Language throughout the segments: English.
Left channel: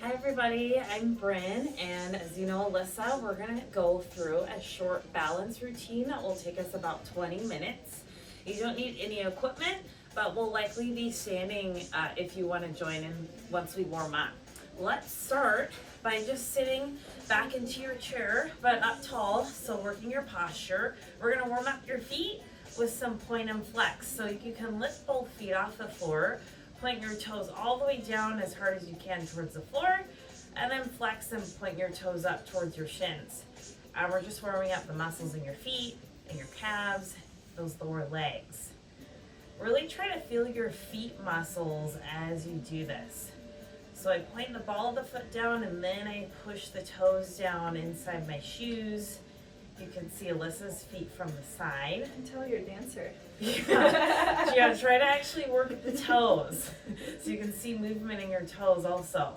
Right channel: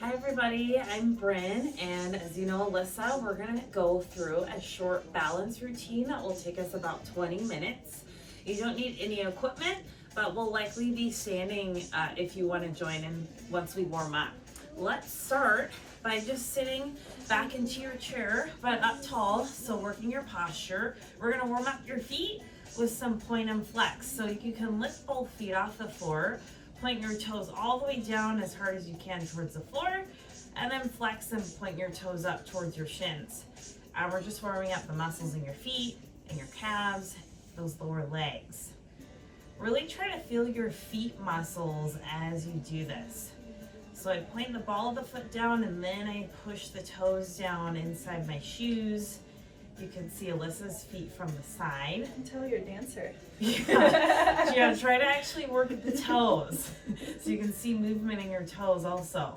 Hi everybody, I'm Bryn, and as you know, Alyssa, we're gonna go through a short balance routine that will take us about 20 minutes. You don't need any equipment, but we'll likely be standing if you wanna join in once we warm up. Let's start by just sitting back into your chair, but up tall, so working your posture. We're gonna warm up your feet with some point and flex, so you can lift both feet off the floor. Point your toes all the way down as hard as you can towards the floor, and then flex and point your toes up towards your shins. And we're just warming up the muscles in your feet and your calves, those lower legs. Really try to feel your feet muscles as you do this. So I point the ball of the foot down and then I push the toes down inside my shoes. You can see Alyssa's feet from the side. I can tell you're a dancer. Yeah, try to actually work at the toes so you can see movement in your toes also.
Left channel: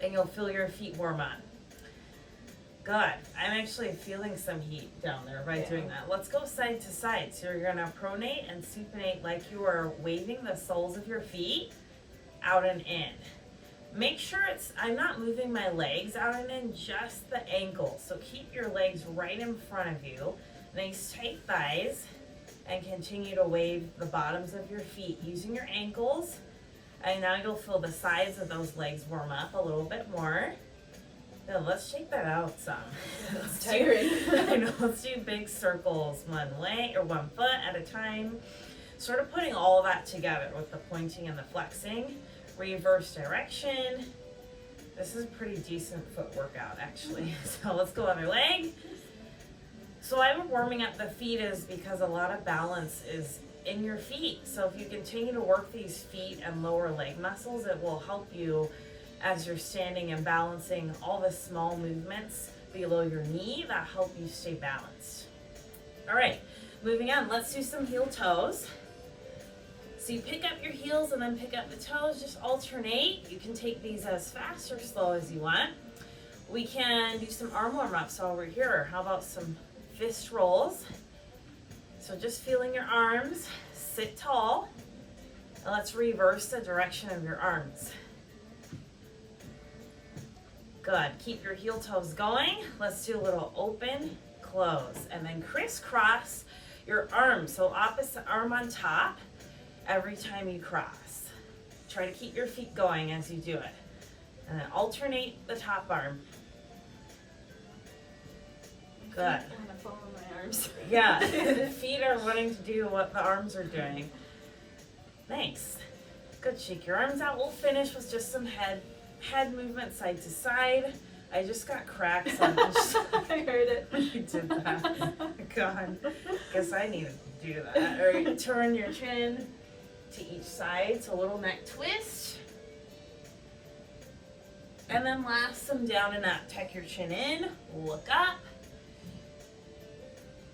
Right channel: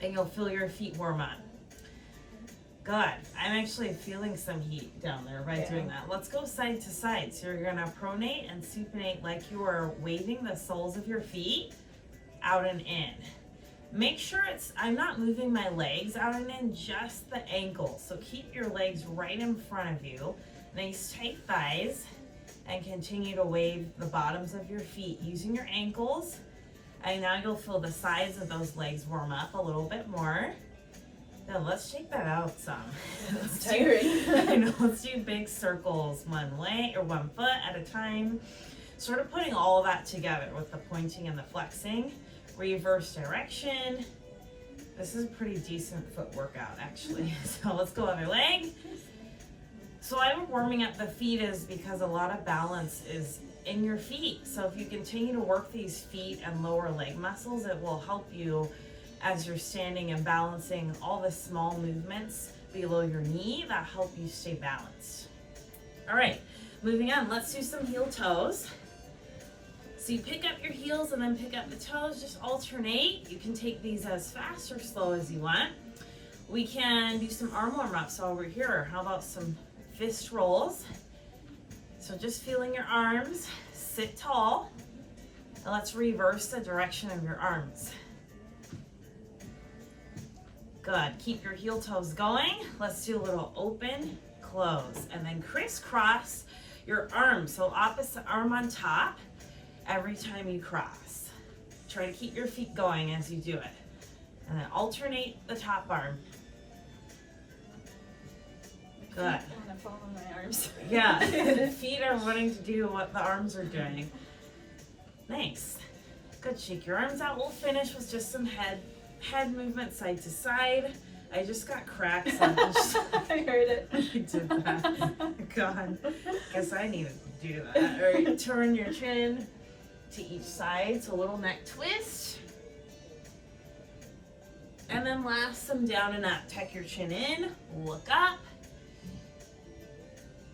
And you'll feel your feet warm up. Good. I'm actually feeling some heat down there by doing that. Let's go side to side. So you're gonna pronate and supinate like you are waving the soles of your feet out and in. Make sure I'm not moving my legs out and in, just the ankles. So keep your legs right in front of you. Nice tight thighs. And continue to wave the bottoms of your feet using your ankles. And now you'll feel the sides of those legs warm up a little bit more. Then let's shake that out some. It's tiring. I know, let's do big circles, one leg or one foot at a time. Sort of putting all of that together with the pointing and the flexing. Reverse direction. This is a pretty decent foot workout actually. So let's go other leg. So I'm warming up the feet is because a lot of balance is in your feet. So if you continue to work these feet and lower leg muscles, it will help you as you're standing and balancing all the small movements below your knee that help you stay balanced. All right, moving on, let's do some heel toes. So you pick up your heels and then pick up the toes, just alternate. You can take these as fast or slow as you want. We can do some arm warm ups while we're here. How about some fist rolls? So just feeling your arms, sit tall, and let's reverse the direction of your arms. Good, keep your heel toes going. Let's do a little open, close, and then crisscross your arms. So opposite arm on top every time you cross. Try to keep your feet going as you do it. And then alternate the top arm. Good. I'm gonna fall on my arms. Yeah, the feet are wanting to do what the arms are doing. Nice. Good, shake your arms out. We'll finish with just some head movement side to side. I just got cracks on this. I heard it. You did that. God, guess I needed to do that. All right, turn your chin to each side, so a little neck twist. And then last, some down and up. Tuck your chin in, look up.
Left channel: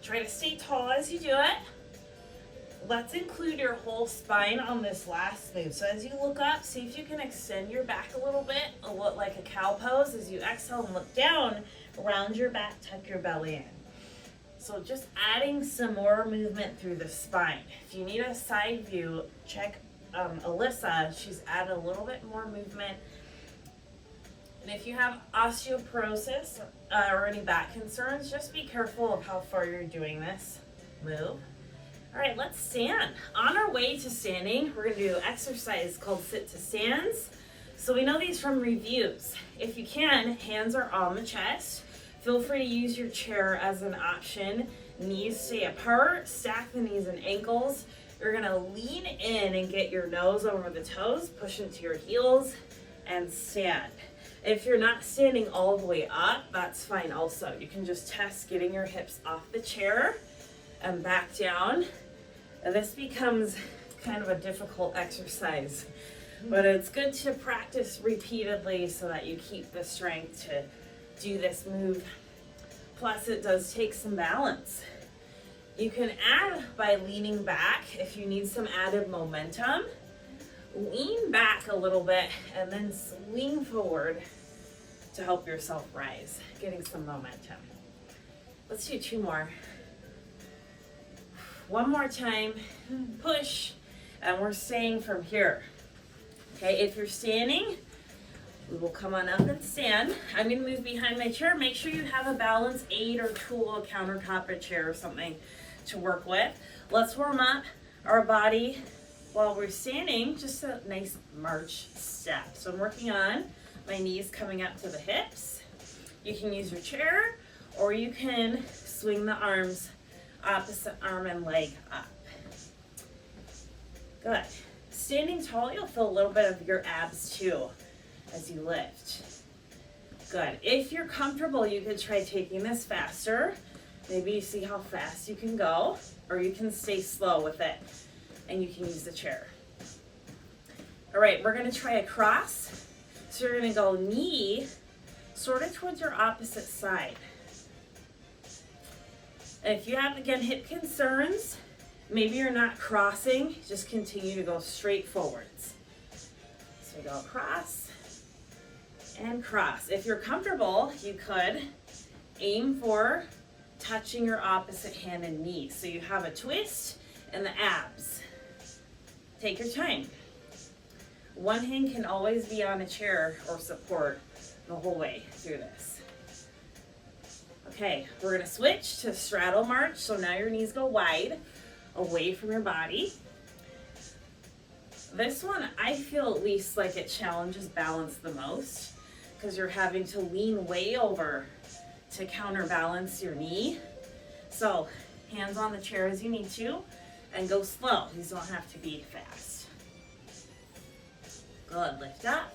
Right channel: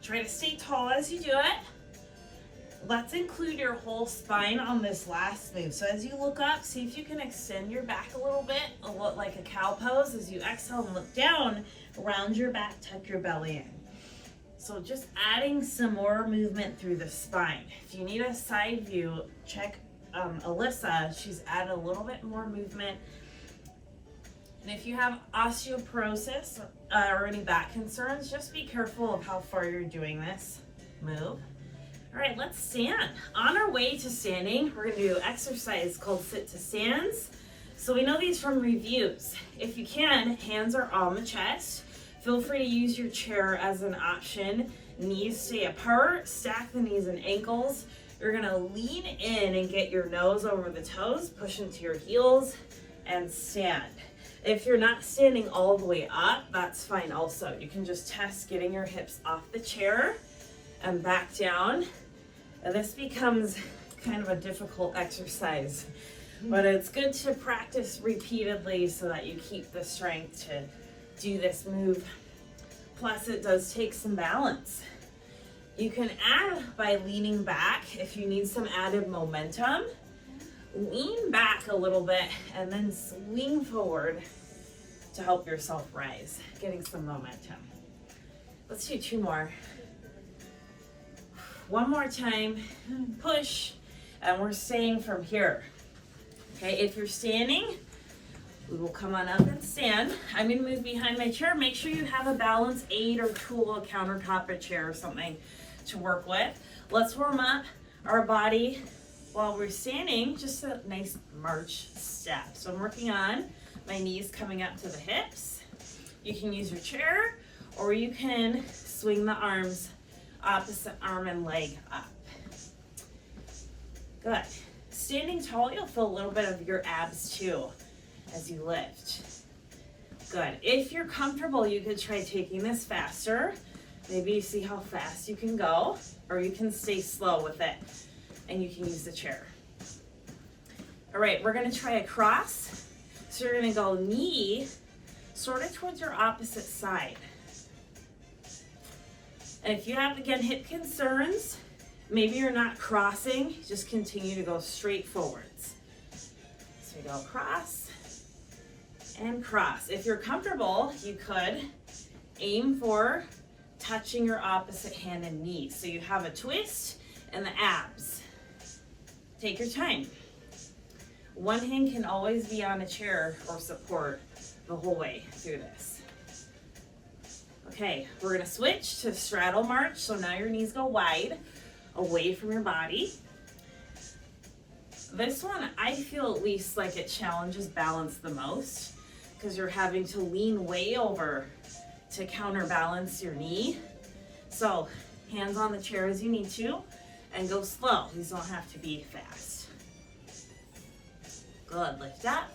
Try to stay tall as you do it. Let's include your whole spine on this last move. So as you look up, see if you can extend your back a little bit, like a cow pose. As you exhale and look down, round your back, tuck your belly in. So just adding some more movement through the spine. If you need a side view, check Alyssa. She's added a little bit more movement. And if you have osteoporosis or any back concerns, just be careful of how far you're doing this move. All right, let's stand. On our way to standing, we're gonna do an exercise called sit to stands. So we know these from reviews. If you can, hands are on the chest. Feel free to use your chair as an option. Knees stay apart, stack the knees and ankles. You're gonna lean in and get your nose over the toes, push into your heels, and stand. If you're not standing all the way up, that's fine also. You can just test getting your hips off the chair and back down. And this becomes kind of a difficult exercise, but it's good to practice repeatedly so that you keep the strength to do this move. Plus it does take some balance. You can add by leaning back if you need some added momentum. Lean back a little bit and then swing forward to help yourself rise, getting some momentum. Let's do two more. One more time, push, and we're staying from here. Okay, if you're standing, We will come on up and stand. I'm gonna move behind my chair. Make sure you have a balance aid or tool, a countertop, a chair or something to work with. Let's warm up our body while we're standing, just a nice march step. So I'm working on my knees coming up to the hips. You can use your chair or you can swing the arms, opposite arm and leg up. Good. Standing tall, you'll feel a little bit of your abs too as you lift. Good. If you're comfortable, you could try taking this faster. Maybe you see how fast you can go, or you can stay slow with it and you can use the chair. All right, we're gonna try a cross. So you're gonna go knee sort of towards your opposite side. And if you have, again, hip concerns, maybe you're not crossing, just continue to go straight forwards. So we go cross and cross. If you're comfortable, you could aim for touching your opposite hand and knee. So you have a twist and the abs. Take your time. One hand can always be on a chair or support the whole way through this. Okay, we're gonna switch to straddle march. So now your knees go wide, away from your body. This one, I feel at least like it challenges balance the most because you're having to lean way over to counterbalance your knee. So hands on the chair as you need to and go slow. These don't have to be fast. Good, lift up.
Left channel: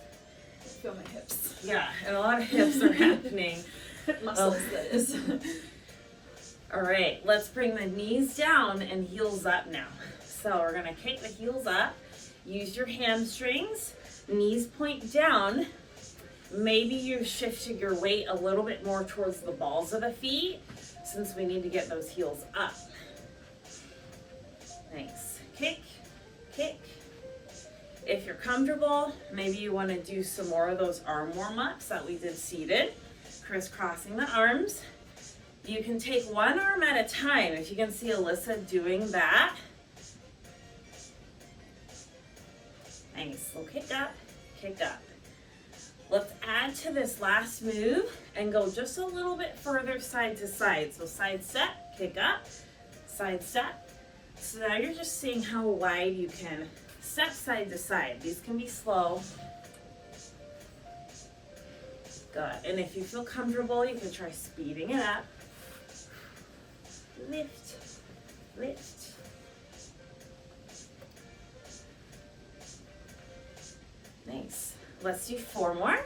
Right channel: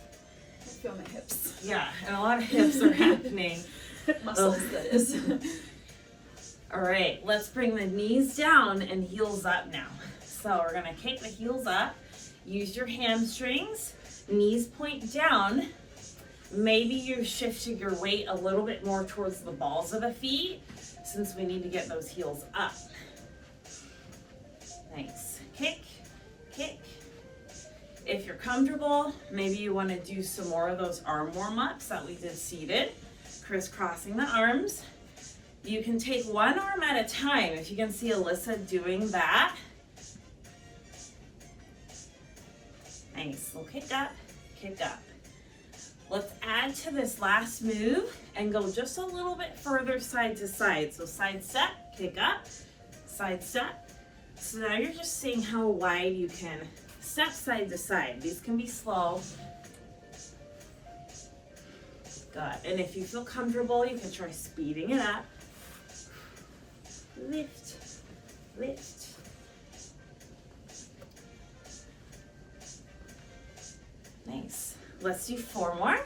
I feel my hips. Yeah, and a lot of hips are happening. Muscles, that is. All right, let's bring the knees down and heels up now. So we're gonna kick the heels up, use your hamstrings, knees point down. Maybe you're shifting your weight a little bit more towards the balls of the feet since we need to get those heels up. Nice, kick, kick. If you're comfortable, maybe you wanna do some more of those arm warm-ups that we did seated, crisscrossing the arms. You can take one arm at a time. If you can see Alyssa doing that. Nice, we'll kick up, kick up. Let's add to this last move and go just a little bit further side to side. So side step, kick up, side step. So now you're just seeing how wide you can step side to side. These can be slow. Good, and if you feel comfortable, you can try speeding it up. Lift, lift. Nice. Let's do 4 more.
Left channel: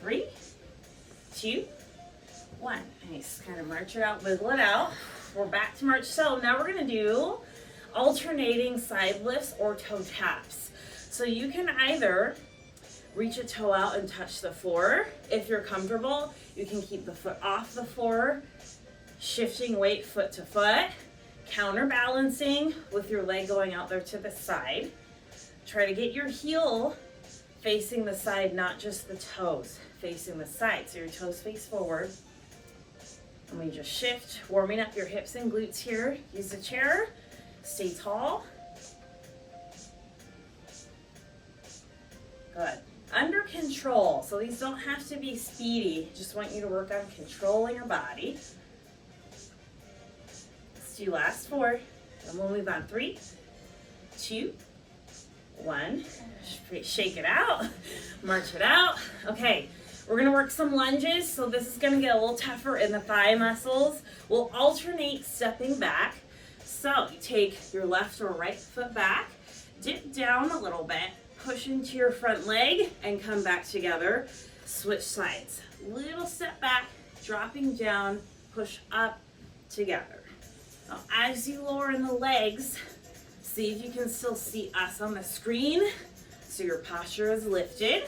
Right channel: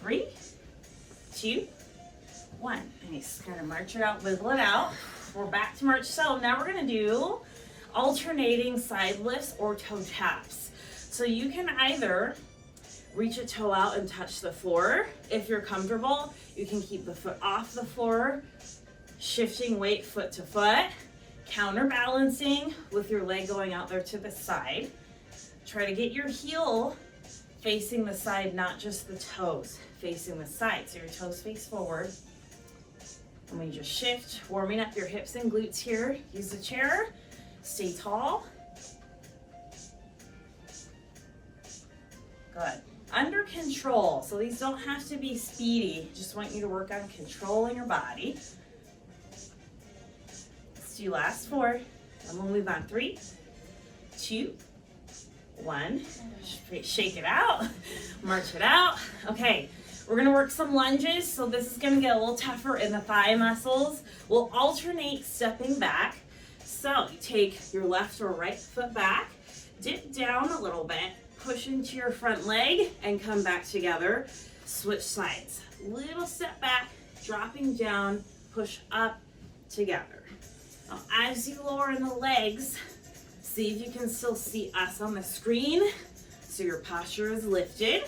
3, 2, 1. Nice. Kind of march it out, wiggle it out. We're back to march. So now we're gonna do alternating side lifts or toe taps. So you can either reach a toe out and touch the floor. If you're comfortable, you can keep the foot off the floor, shifting weight foot to foot, counterbalancing with your leg going out there to the side. Try to get your heel facing the side, not just the toes, facing the side. So your toes face forward. And we just shift, warming up your hips and glutes here. Use the chair, stay tall. Good. Under control. So these don't have to be speedy. Just want you to work on controlling your body. Let's do last 4. And we'll move on. 3, 2, 1. Shake it out. March it out. Okay. We're gonna work some lunges. So this is gonna get a little tougher in the thigh muscles. We'll alternate stepping back. So you take your left or right foot back, dip down a little bit, push into your front leg and come back together. Switch sides. Little step back, dropping down, push up together. Now, as you lower in the legs, see if you can still see us on the screen. So your posture is lifted.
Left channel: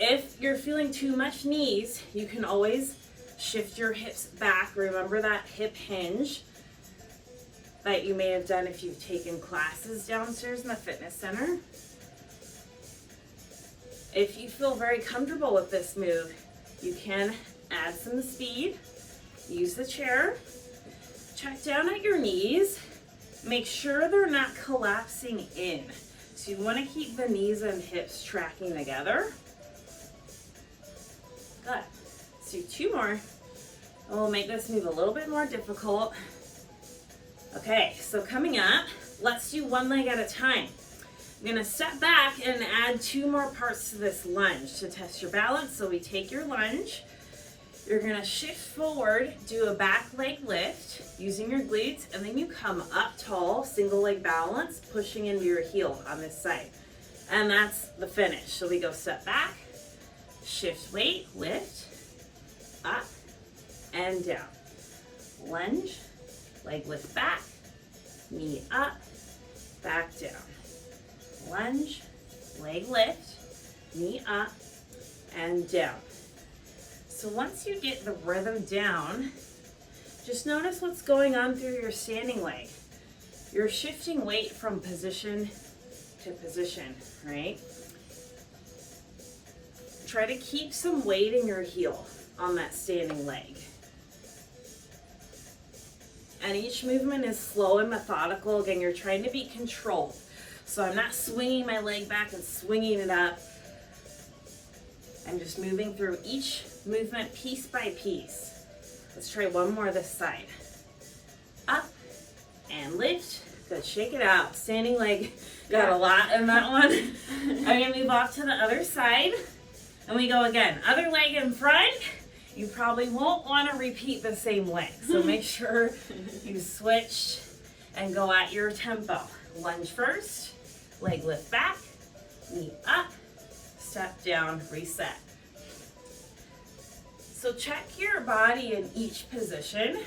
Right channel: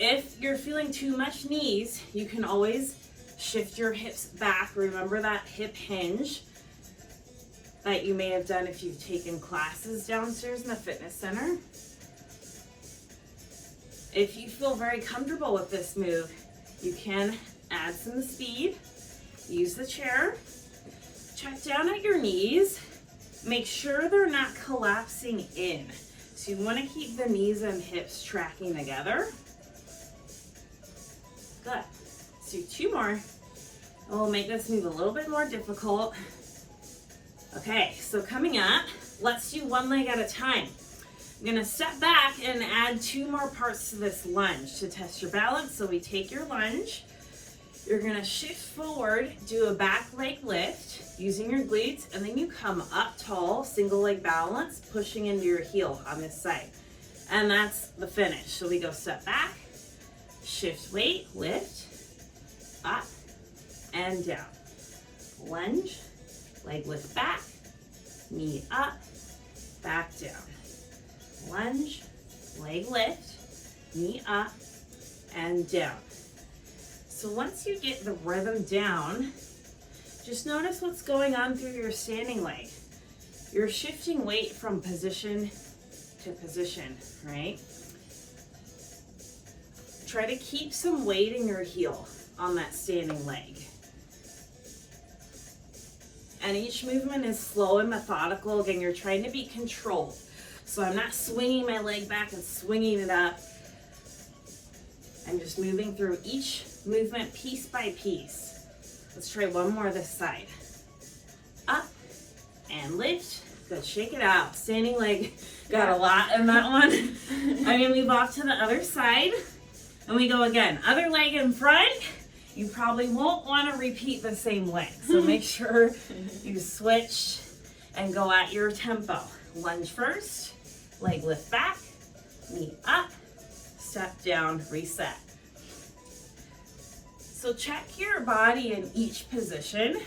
If you're feeling too much knees, you can always shift your hips back. Remember that hip hinge that you may have done if you've taken classes downstairs in the fitness center. If you feel very comfortable with this move, you can add some speed, use the chair, check down at your knees, make sure they're not collapsing in. So you want to keep the knees and hips tracking together. Good. Let's do 2 more. And we'll make this move a little bit more difficult. Okay, so coming up, let's do 1 leg at a time. I'm gonna step back and add 2 more parts to this lunge to test your balance. So we take your lunge, you're gonna shift forward, do a back leg lift using your glutes, and then you come up tall, single leg balance, pushing into your heel on this side. And that's the finish. So we go step back, shift weight, lift, up and down. Lunge, leg lift back, knee up, back down. Lunge, leg lift, knee up and down. So once you get the rhythm down, just notice what's going on through your standing leg. You're shifting weight from position to position, right? Try to keep some weight in your heel on that standing leg. And each movement is slow and methodical. Again, you're trying to be controlled. So I'm not swinging my leg back and swinging it up. I'm just moving through each movement piece by piece. Let's try 1 more this side. Up and lift. Good, shake it out. Standing leg, got a lot in that one. I'm gonna move off to the other side. And we go again. Other leg in front. You probably won't want to repeat the same leg. So make sure you switch and go at your tempo. Lunge first, leg lift back, knee up, step down, reset. So check your body in each position.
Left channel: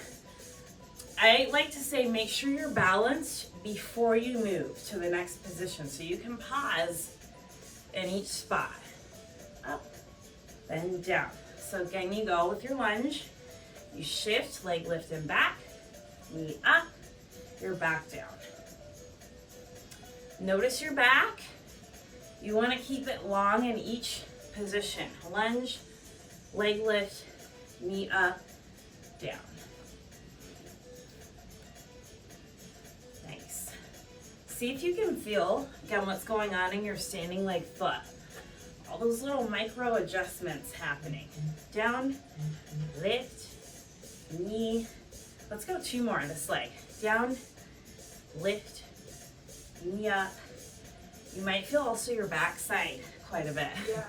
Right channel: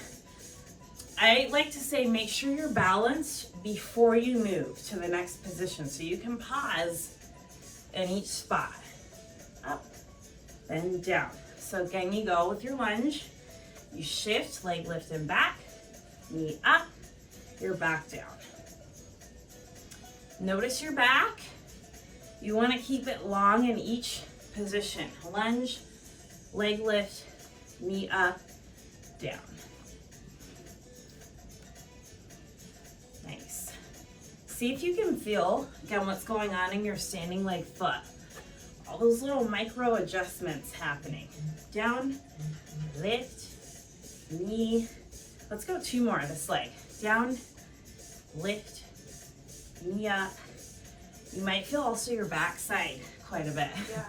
I like to say make sure you're balanced before you move to the next position. So you can pause in each spot. Up and down. So again, you go with your lunge, you shift, leg lift and back, knee up, your back down. Notice your back. You want to keep it long in each position. Lunge, leg lift, knee up, down. Nice. See if you can feel, again, what's going on in your standing leg foot. All those little micro adjustments happening. Down, lift, knee. Let's go 2 more this leg. Down, lift, knee up. You might feel also your backside quite a bit. Yeah.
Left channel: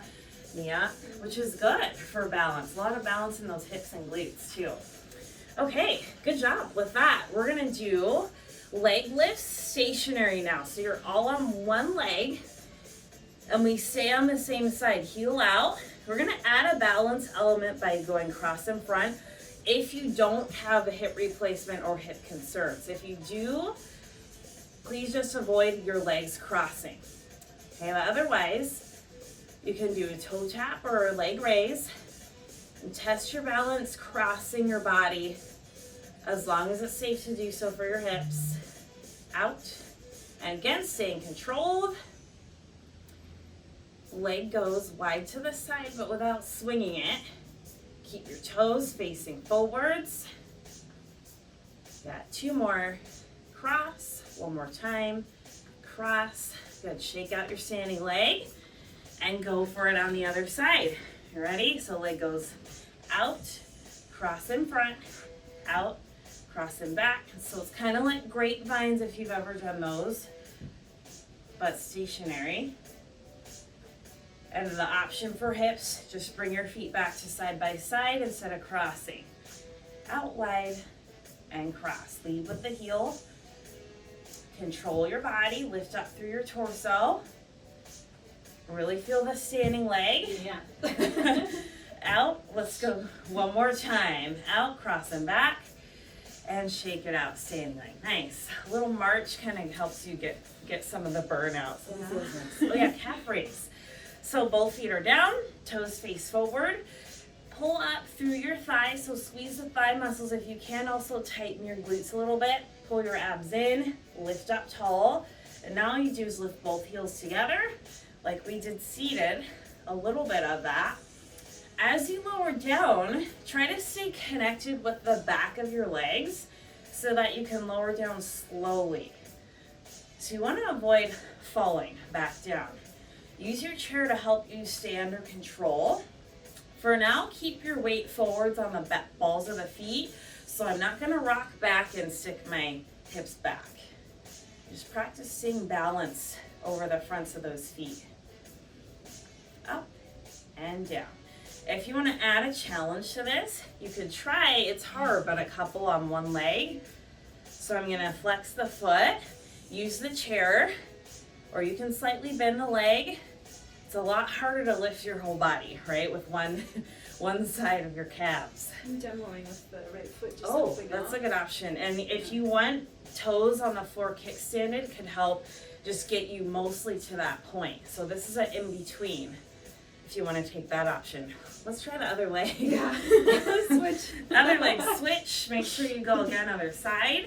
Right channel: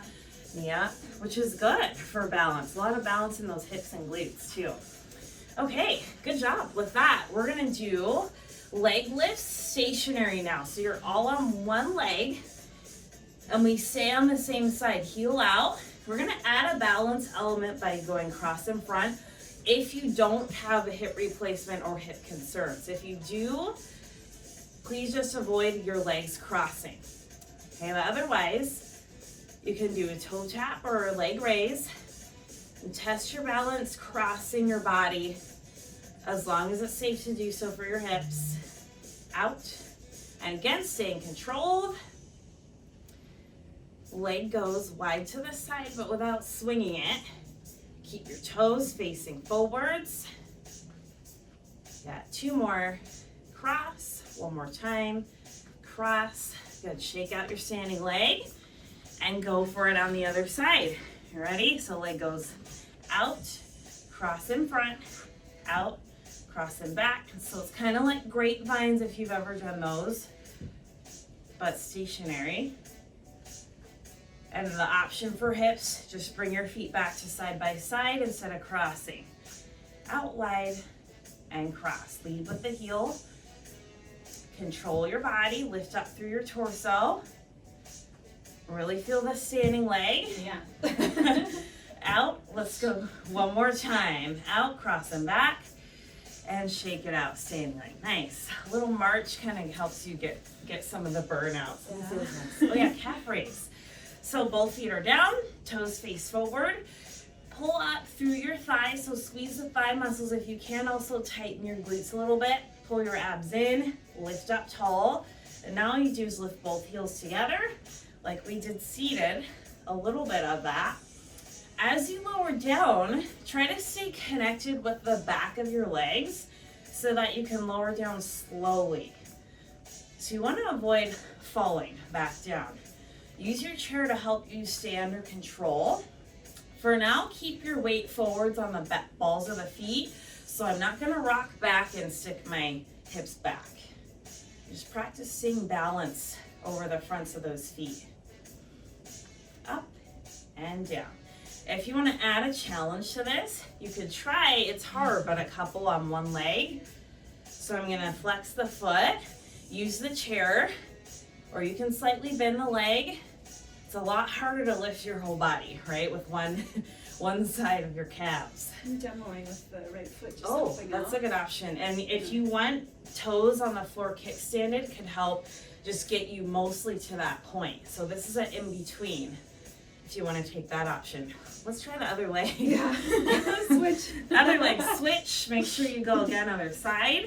Knee up, which is good for balance. A lot of balance in those hips and glutes too. Okay, good job. With that, we're gonna do leg lifts stationary now. So you're all on 1 leg. And we stay on the same side, heel out. We're gonna add a balance element by going cross in front if you don't have a hip replacement or hip concerns. If you do, please just avoid your legs crossing. Okay, but otherwise, you can do a toe tap or a leg raise and test your balance crossing your body as long as it's safe to do so for your hips. Out, and again, staying controlled. Leg goes wide to the side, but without swinging it. Keep your toes facing forwards. Got 2 more. Cross, 1 more time. Cross, good. Shake out your standing leg and go for it on the other side. You ready? So leg goes out, cross in front, out, cross in back. So it's kind of like grapevines if you've ever done those, but stationary. And the option for hips, just bring your feet back to side by side instead of crossing. Out wide and cross. Lead with the heel. Control your body, lift up through your torso. Really feel the standing leg. Yeah. Out, let's go 1 more time. Out, cross and back, and shake it out, standing leg. Nice. A little march kind of helps you get some of the burnout. So it feels nice. Oh yeah, calf raise. So both feet are down, toes face forward. Pull up through your thighs, so squeeze the thigh muscles. If you can, also tighten your glutes a little bit. Pull your abs in, lift up tall. And now all you do is lift both heels together, like we did seated, a little bit of that. As you lower down, try to stay connected with the back of your legs so that you can lower down slowly. So you want to avoid falling back down. Use your chair to help you stay under control. For now, keep your weight forwards on the balls of the feet. So I'm not gonna rock back and stick my hips back. Just practicing balance over the fronts of those feet. Up and down. If you want to add a challenge to this, you could try, it's hard, but a couple on one leg. So I'm gonna flex the foot, use the chair, or you can slightly bend the leg. It's a lot harder to lift your whole body, right? With one side of your calves. I'm demoing with the right foot. Just Oh, that's a good option. And if you want toes on the floor kickstanded, can help just get you mostly to that point. So this is an in-between if you want to take that option. Let's try the other leg. Yeah. Switch. Other leg switch. Make sure you go again other side.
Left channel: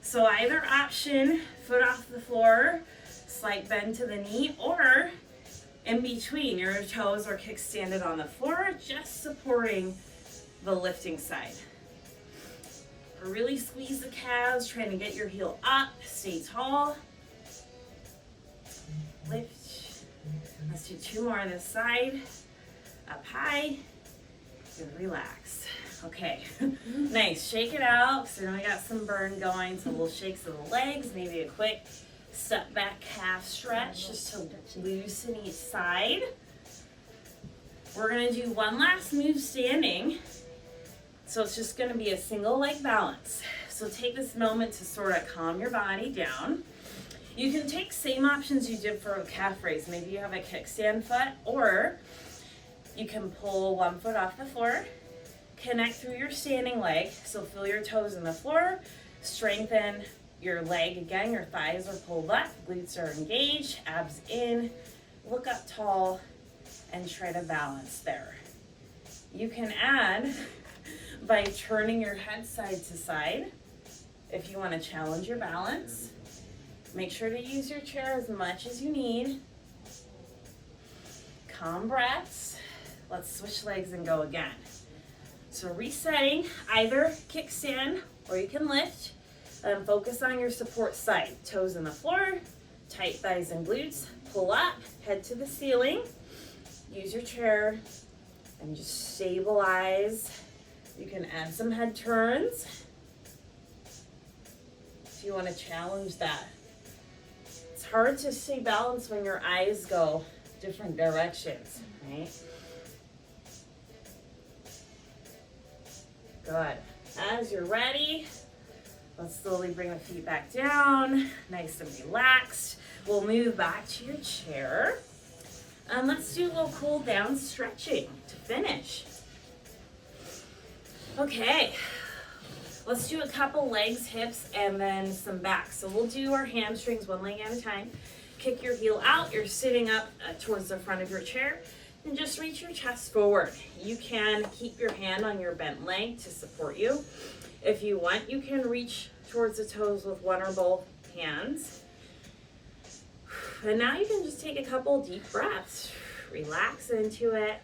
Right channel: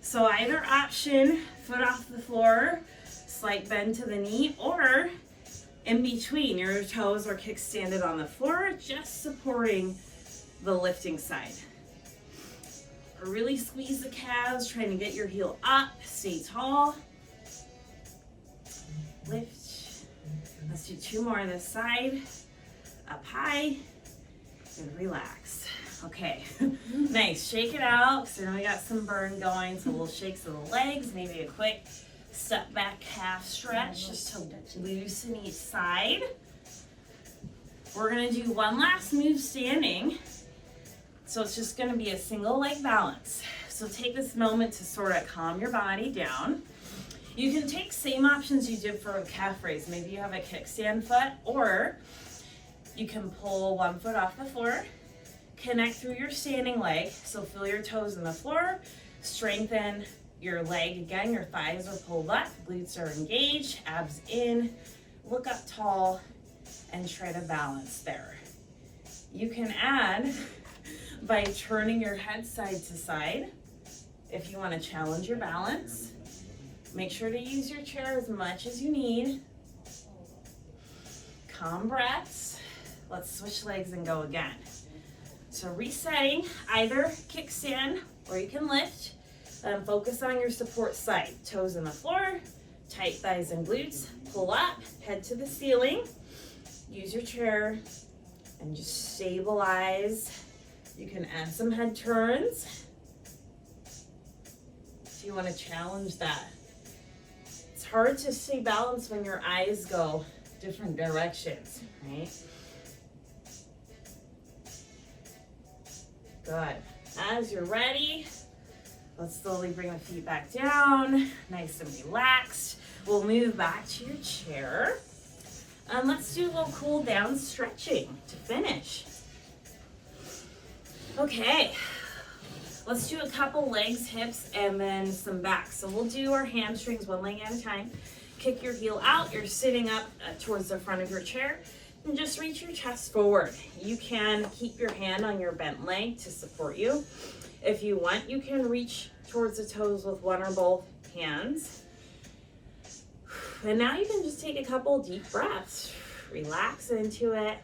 So either option, foot off the floor, slight bend to the knee, or in between, your toes are kickstanded on the floor, just supporting the lifting side. Really squeeze the calves, trying to get your heel up, stay tall. Lift. Let's do 2 more on this side. Up high, and relax. Okay, nice, shake it out, because I know we got some burn going, so little shakes of the legs, maybe a quick step back calf stretch, just to loosen each side. We're gonna do one last move standing. So it's just gonna be a single leg balance. So take this moment to sort of calm your body down. You can take same options you did for a calf raise. Maybe you have a kickstand foot, or you can pull one foot off the floor, connect through your standing leg. So feel your toes in the floor, strengthen your leg again, your thighs are pulled up, glutes are engaged, abs in, look up tall, and try to balance there. You can add by turning your head side to side if you want to challenge your balance. Make sure to use your chair as much as you need. Calm breaths. Let's switch legs and go again. So resetting, either kickstand or you can lift. Focus on your support side. Toes in the floor, tight thighs and glutes. Pull up, head to the ceiling. Use your chair and just stabilize. You can add some head turns if you want to challenge that. It's hard to stay balanced when your eyes go different directions, right? Good. As you're ready, let's slowly bring the feet back down, nice and relaxed. We'll move back to your chair. Let's do a little cool down stretching to finish. Okay, let's do a couple legs, hips, and then some back. So we'll do our hamstrings one leg at a time. Kick your heel out. You're sitting up towards the front of your chair, and just reach your chest forward. You can keep your hand on your bent leg to support you. If you want, you can reach towards the toes with one or both hands. And now you can just take a couple deep breaths. Relax into it.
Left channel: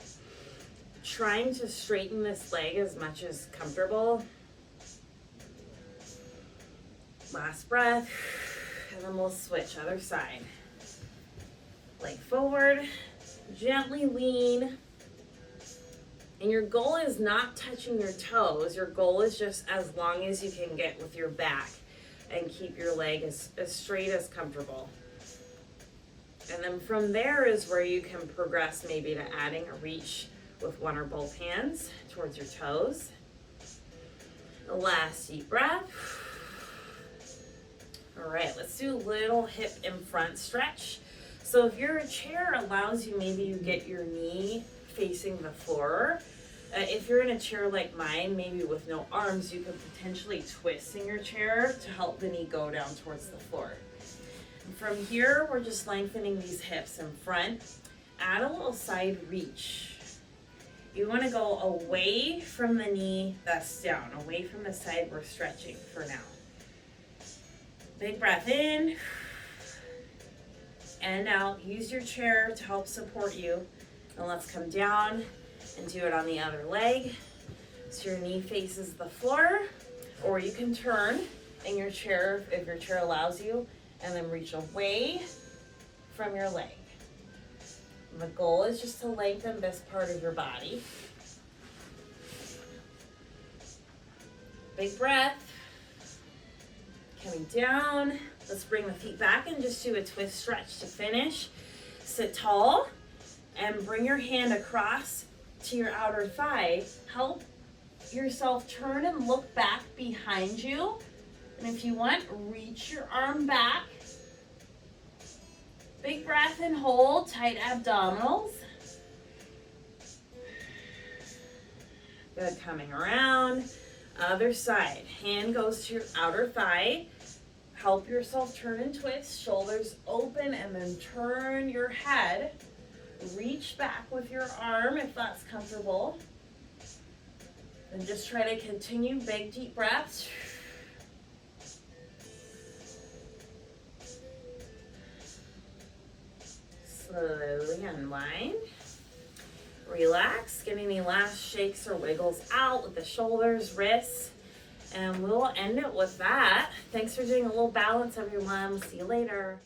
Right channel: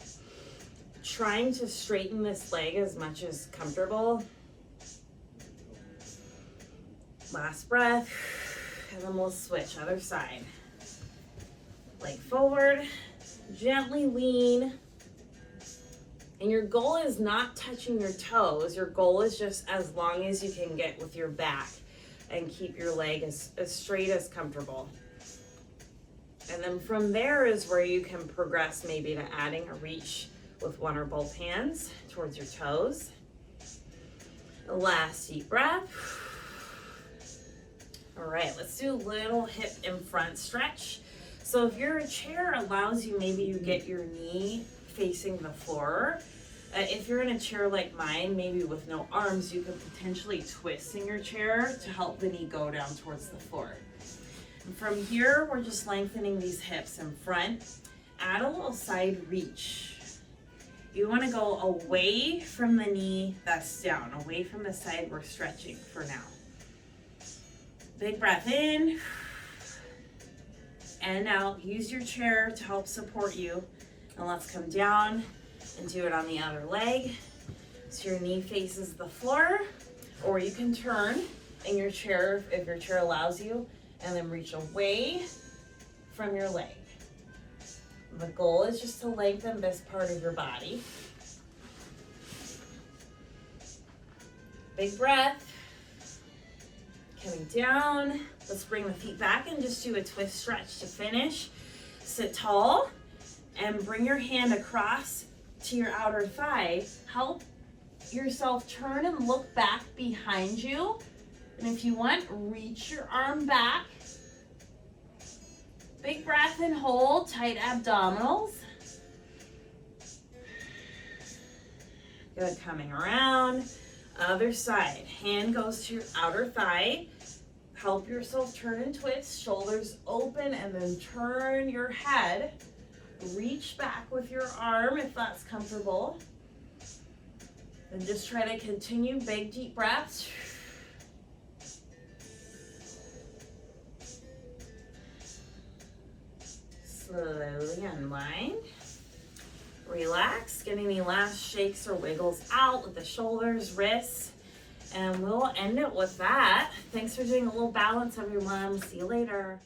Trying to straighten this leg as much as comfortable. Last breath, and then we'll switch other side. Leg forward, gently lean. And your goal is not touching your toes. Your goal is just as long as you can get with your back and keep your leg as straight as comfortable. And then from there is where you can progress maybe to adding a reach with one or both hands towards your toes. The last deep breath. All right, let's do a little hip in front stretch. So if your chair allows you, maybe you get your knee facing the floor. If you're in a chair like mine, maybe with no arms, you could potentially twist in your chair to help the knee go down towards the floor. And from here, we're just lengthening these hips in front. Add a little side reach. You want to go away from the knee that's down, away from the side we're stretching for now. Big breath in and out. Use your chair to help support you. And let's come down and do it on the other leg. So your knee faces the floor, or you can turn in your chair if your chair allows you, and then reach away from your leg. And the goal is just to lengthen this part of your body. Big breath. Coming down. Let's bring the feet back and just do a twist stretch to finish. Sit tall and bring your hand across to your outer thigh. Help yourself turn and look back behind you. And if you want, reach your arm back. Big breath and hold, tight abdominals. Good, coming around. Other side, hand goes to your outer thigh. Help yourself turn and twist, shoulders open, and then turn your head. Reach back with your arm if that's comfortable. And just try to continue big deep breaths. Slowly unwind. Relax. Get any last shakes or wiggles out with the shoulders, wrists. And we'll end it with that. Thanks for doing a little balance, everyone. See you later.